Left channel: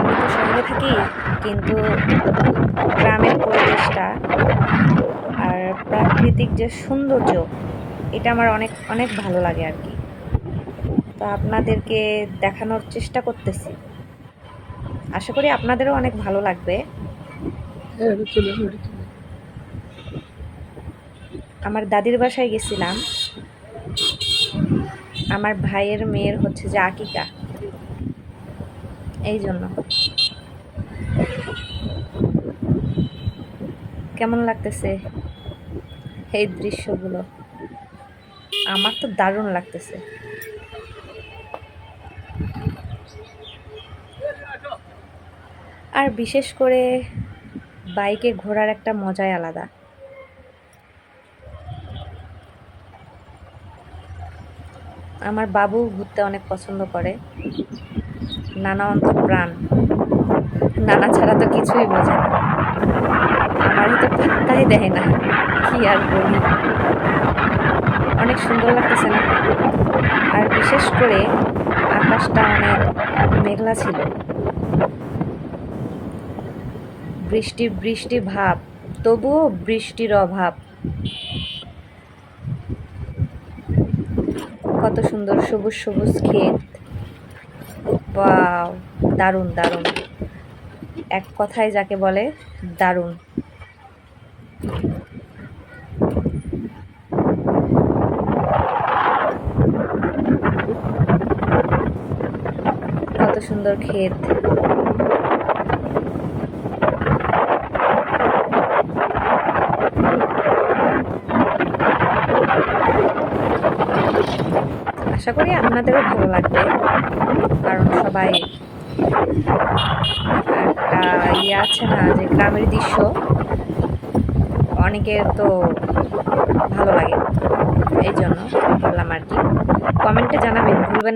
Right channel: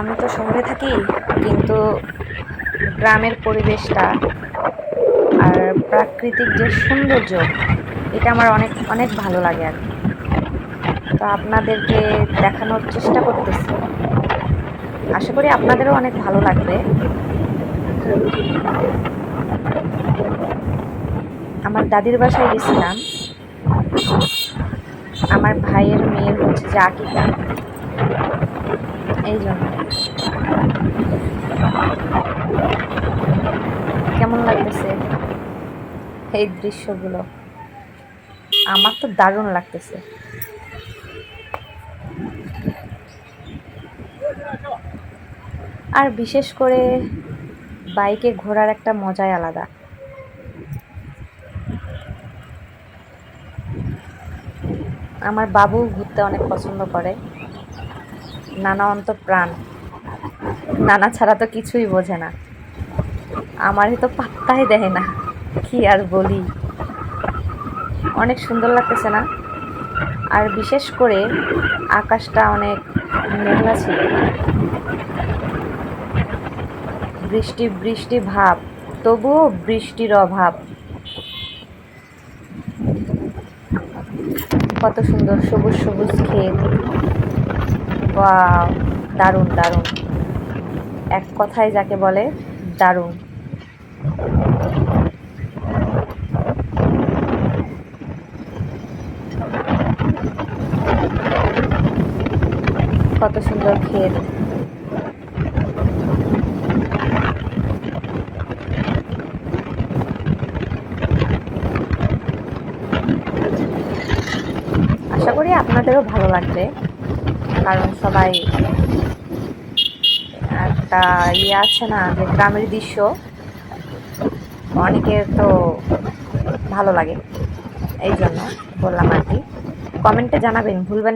আমি তো শহরে থাকি, কিন্তু গ্রামের পরিবেশটা আর প্রাকৃতিক যে সৌন্দর্য, এটা আমার অনেক অনেক ভালো লাগে আর কি। তো আপনাদেরকে দেখানোর চেষ্টা করতেছি, আশা করি আপনাদেরও অনেক ভালো লাগবে। আমার দাদির বাসায় গেছিলাম, আমার ভাইয়ের মেয়ের হচ্ছে যে আকিকা, এই জন্য। কেমন লাগতেছে এই দৃশ্যগুলো? আমার তো দারুণ লাগতেছে। আর বিশেষ করে বাইকে ঘোরার একটা মজাই আলাদা। আমার বাবু ঘুরতে অনেক পছন্দ করে, নানা অন্তঃপ্রাণ, নানা ছাড়া তো কিছুই বোঝে না, আমারই তো পাত্তাই দেয় না, কি আর বলি। অনেক সুন্দর লাগতেছে না? আর বিশেষ করে আকাশটা অনেক মেঘলা ছিল, বৃষ্টি বৃষ্টি ভাব, তবুও বৃষ্টির অভাব। কত সুন্দর সবুজ সবুজ ক্ষেত, ওয়াও, দারুণ দারুণ, এক কথায় যাকে বলে দারুণ। কত সুন্দর ক্ষেত, আশা করি আপনাদেরও ভালো লাগবে, কারণ সবাই একটা আছে না যে গ্রামের দৃশ্য অনেকের তো ভালো লাগে, এই জন্য বললাম আর কি। কমেন্টে জানাবেন, ভুলবেন না।